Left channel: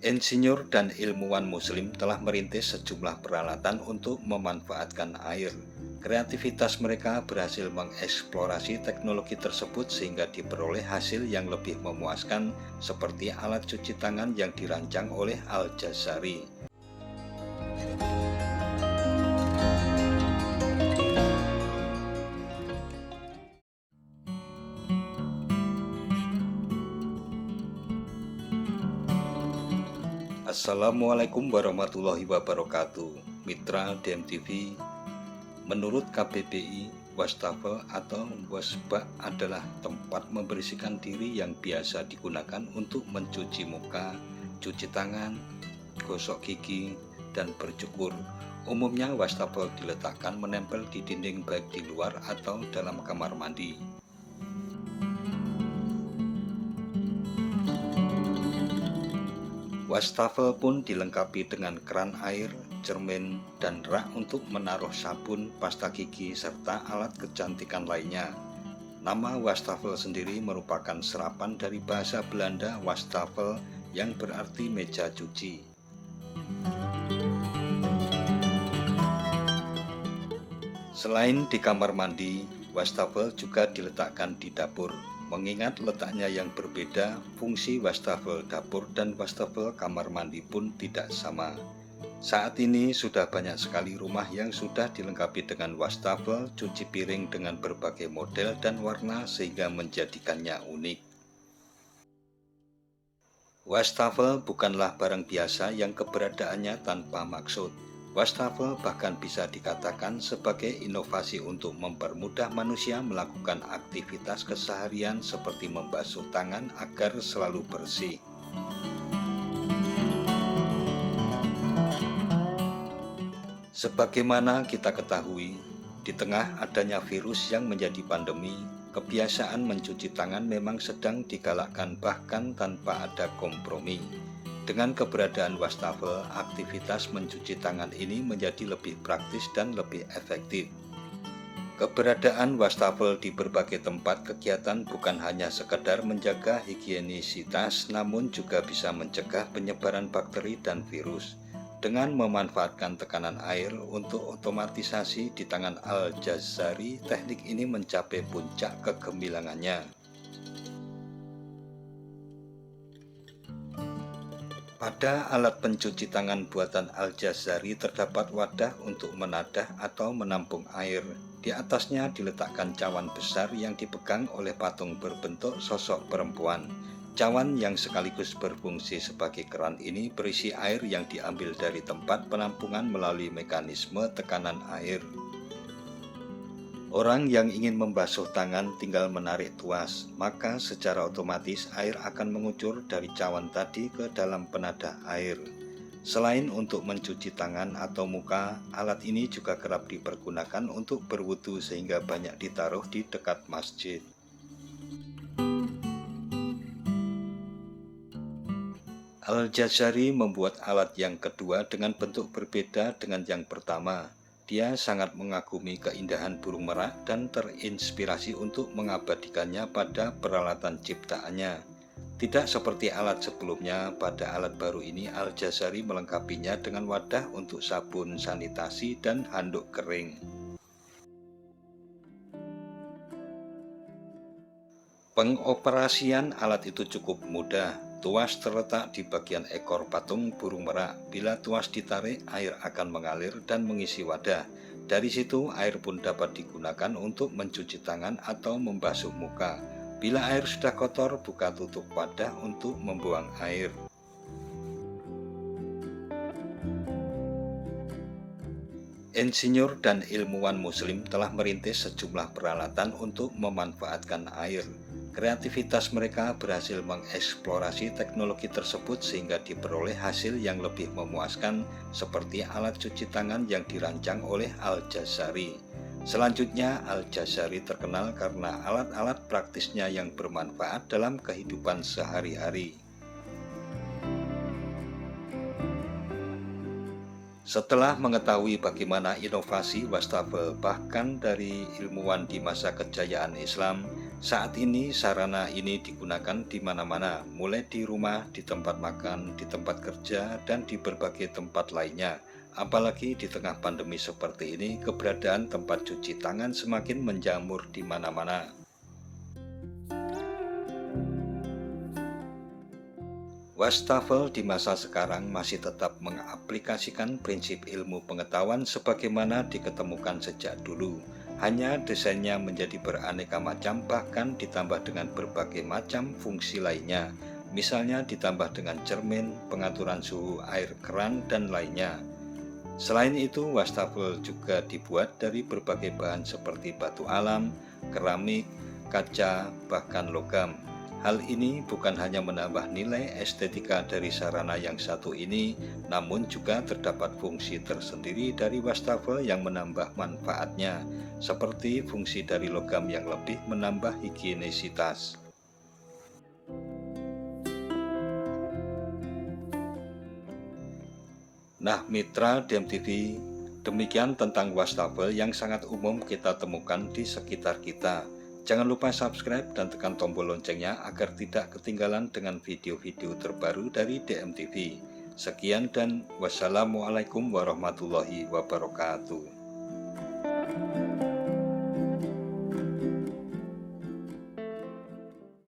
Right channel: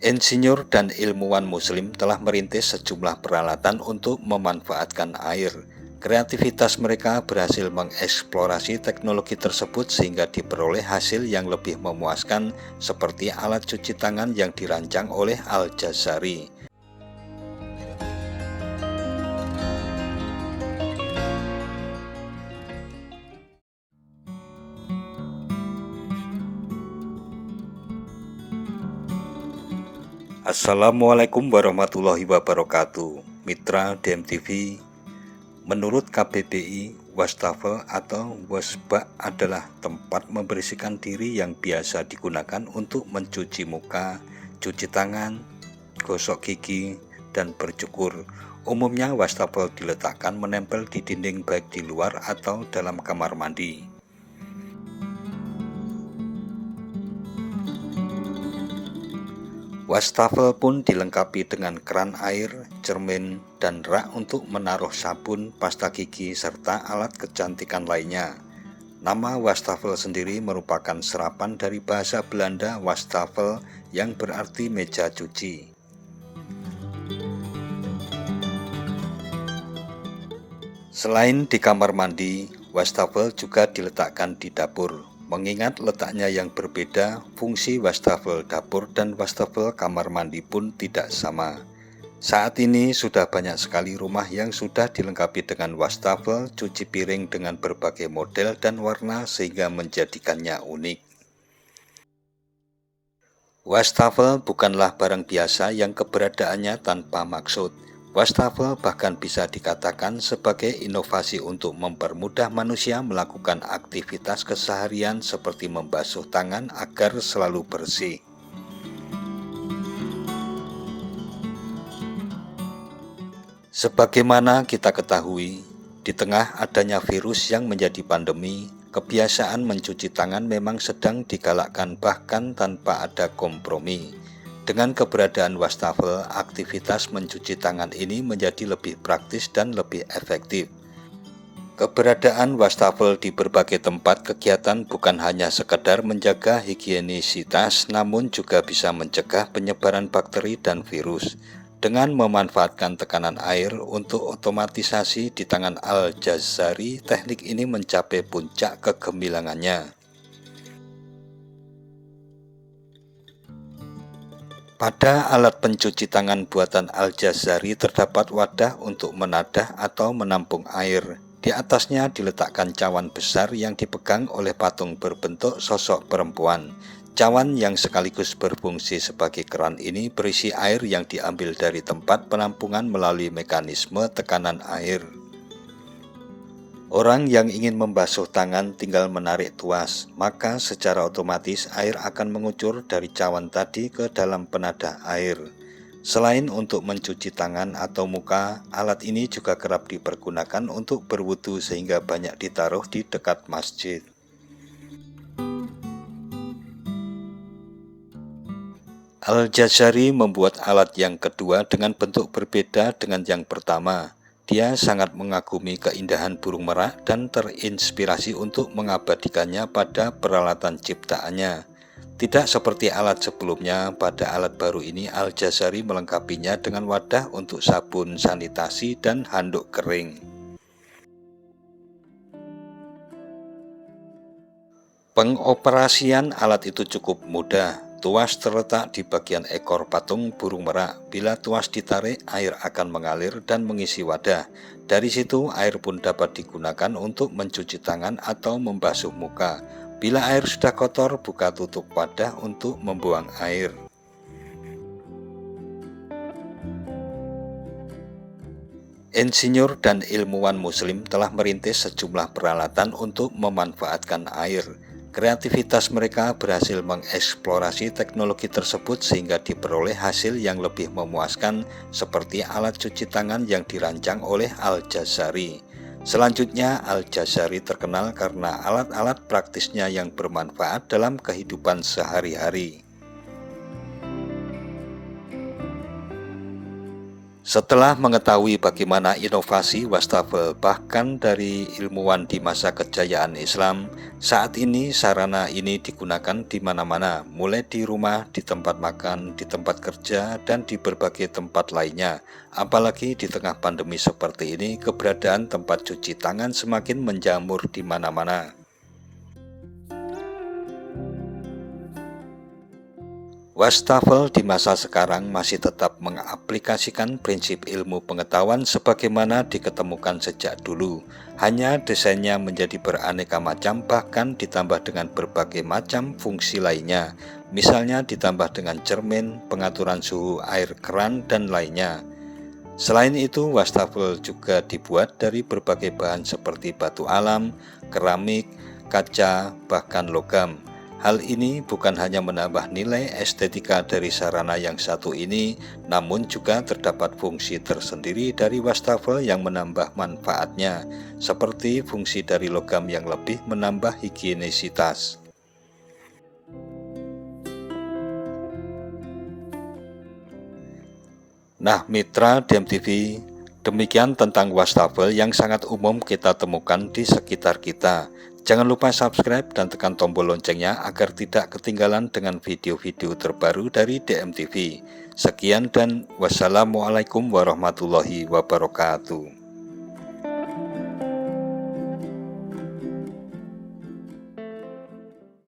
Insinyur dan ilmuwan Muslim telah merintis sejumlah peralatan untuk memanfaatkan air. Kreativitas mereka berhasil mengeksplorasi teknologi tersebut sehingga diperoleh hasil yang lebih memuaskan, seperti alat cuci tangan yang dirancang oleh Al-Jazari. Assalamualaikum warahmatullahi wabarakatuh. Mitra DMTV, menurut KBBI, wastafel atau wasbak adalah tempat membersihkan diri yang biasa digunakan untuk mencuci muka, cuci tangan, gosok gigi, dan bercukur. Umumnya wastafel diletakkan menempel di dinding baik di luar atau dalam kamar mandi. Wastafel pun dilengkapi dengan keran air, cermin, dan rak untuk menaruh sabun, pasta gigi, serta alat kecantikan lainnya. Nama wastafel sendiri merupakan serapan dari bahasa Belanda wastafel yang berarti meja cuci. Selain di kamar mandi, wastafel juga diletakkan di dapur. Mengingat letaknya yang berbeda, fungsi wastafel dapur dan wastafel kamar mandi pun tidak sama. Saat ini sudah banyak sekali rumah yang sudah dilengkapi dengan wastafel cuci piring dengan berbagai model dan warna sehingga menjadikannya unik. Wastafel bukanlah barang biasa yang keberadaannya tanpa maksud. Wastafel bahkan bisa dikatakan sebagai inovasi untuk mempermudah manusia melakukan aktivitas keseharian seperti membasuh tangan agar selalu bersih. Sebagaimana kita ketahui, di tengah adanya virus yang menjadi pandemi, kebiasaan mencuci tangan memang sedang digalakkan bahkan tanpa ada kompromi. Dengan keberadaan wastafel, aktivitas mencuci tangan ini menjadi lebih praktis dan lebih efektif. Keberadaan wastafel di berbagai tempat kegiatan bukan hanya sekedar menjaga higienisitas, namun juga bisa mencegah penyebaran bakteri dan virus. Dengan memanfaatkan tekanan air untuk otomatisasi di tangan Al-Jazari, teknik ini mencapai puncak kegemilangannya. Pada alat pencuci tangan buatan Al-Jazari terdapat wadah untuk menadah atau menampung air. Di atasnya diletakkan cawan besar yang dipegang oleh patung berbentuk sosok perempuan. Cawan yang sekaligus berfungsi sebagai keran ini berisi air yang diambil dari tempat penampungan melalui mekanisme tekanan air. Orang yang ingin membasuh tangan tinggal menarik tuas, maka secara otomatis air akan mengucur dari cawan tadi ke dalam penadah air. Selain untuk mencuci tangan atau muka, alat ini juga kerap dipergunakan untuk berwudu sehingga banyak ditaruh di dekat masjid. Al-Jazari membuat alat yang kedua dengan bentuk berbeda dengan yang pertama. Dia sangat mengagumi keindahan burung merak dan terinspirasi untuk mengabadikannya pada peralatan ciptaannya. Tidak seperti alat sebelumnya, pada alat baru ini Al-Jazari melengkapinya dengan wadah untuk sabun sanitasi dan handuk kering. Pengoperasian alat itu cukup mudah. Tuas terletak di bagian ekor patung burung merak. Bila tuas ditarik, air akan mengalir dan mengisi wadah. Dari situ, air pun dapat digunakan untuk mencuci tangan atau membasuh muka. Bila air sudah kotor, buka tutup wadah untuk membuang air. Insinyur dan ilmuwan Muslim telah merintis sejumlah peralatan untuk memanfaatkan air. Kreativitas mereka berhasil mengeksplorasi teknologi tersebut sehingga diperoleh hasil yang lebih memuaskan, seperti alat cuci tangan yang dirancang oleh Al-Jazari. Selanjutnya, Al-Jazari terkenal karena alat-alat praktisnya yang bermanfaat dalam kehidupan sehari-hari. Setelah mengetahui bagaimana inovasi wastafel bahkan dari ilmuwan di masa kejayaan Islam, saat ini sarana ini digunakan di mana-mana, mulai di rumah, di tempat makan, di tempat kerja, dan di berbagai tempat lainnya. Apalagi di tengah pandemi seperti ini, keberadaan tempat cuci tangan semakin menjamur di mana-mana. Wastafel di masa sekarang masih tetap mengaplikasikan prinsip ilmu pengetahuan sebagaimana diketemukan sejak dulu. Hanya desainnya menjadi beraneka macam, bahkan ditambah dengan berbagai macam fungsi lainnya. Misalnya ditambah dengan cermin, pengaturan suhu air keran, dan lainnya. Selain itu, wastafel juga dibuat dari berbagai bahan seperti batu alam, keramik, kaca, bahkan logam. Hal ini bukan hanya menambah nilai estetika dari sarana yang satu ini, namun juga terdapat fungsi tersendiri dari wastafel yang menambah manfaatnya, seperti fungsi dari logam yang lebih menambah higienisitas. Nah, mitra DMTV, demikian tentang wastafel yang sangat umum kita temukan di sekitar kita. Jangan lupa subscribe dan tekan tombol loncengnya agar tidak ketinggalan dengan video-video terbaru dari DMTV. Sekian dan wassalamualaikum warahmatullahi wabarakatuh.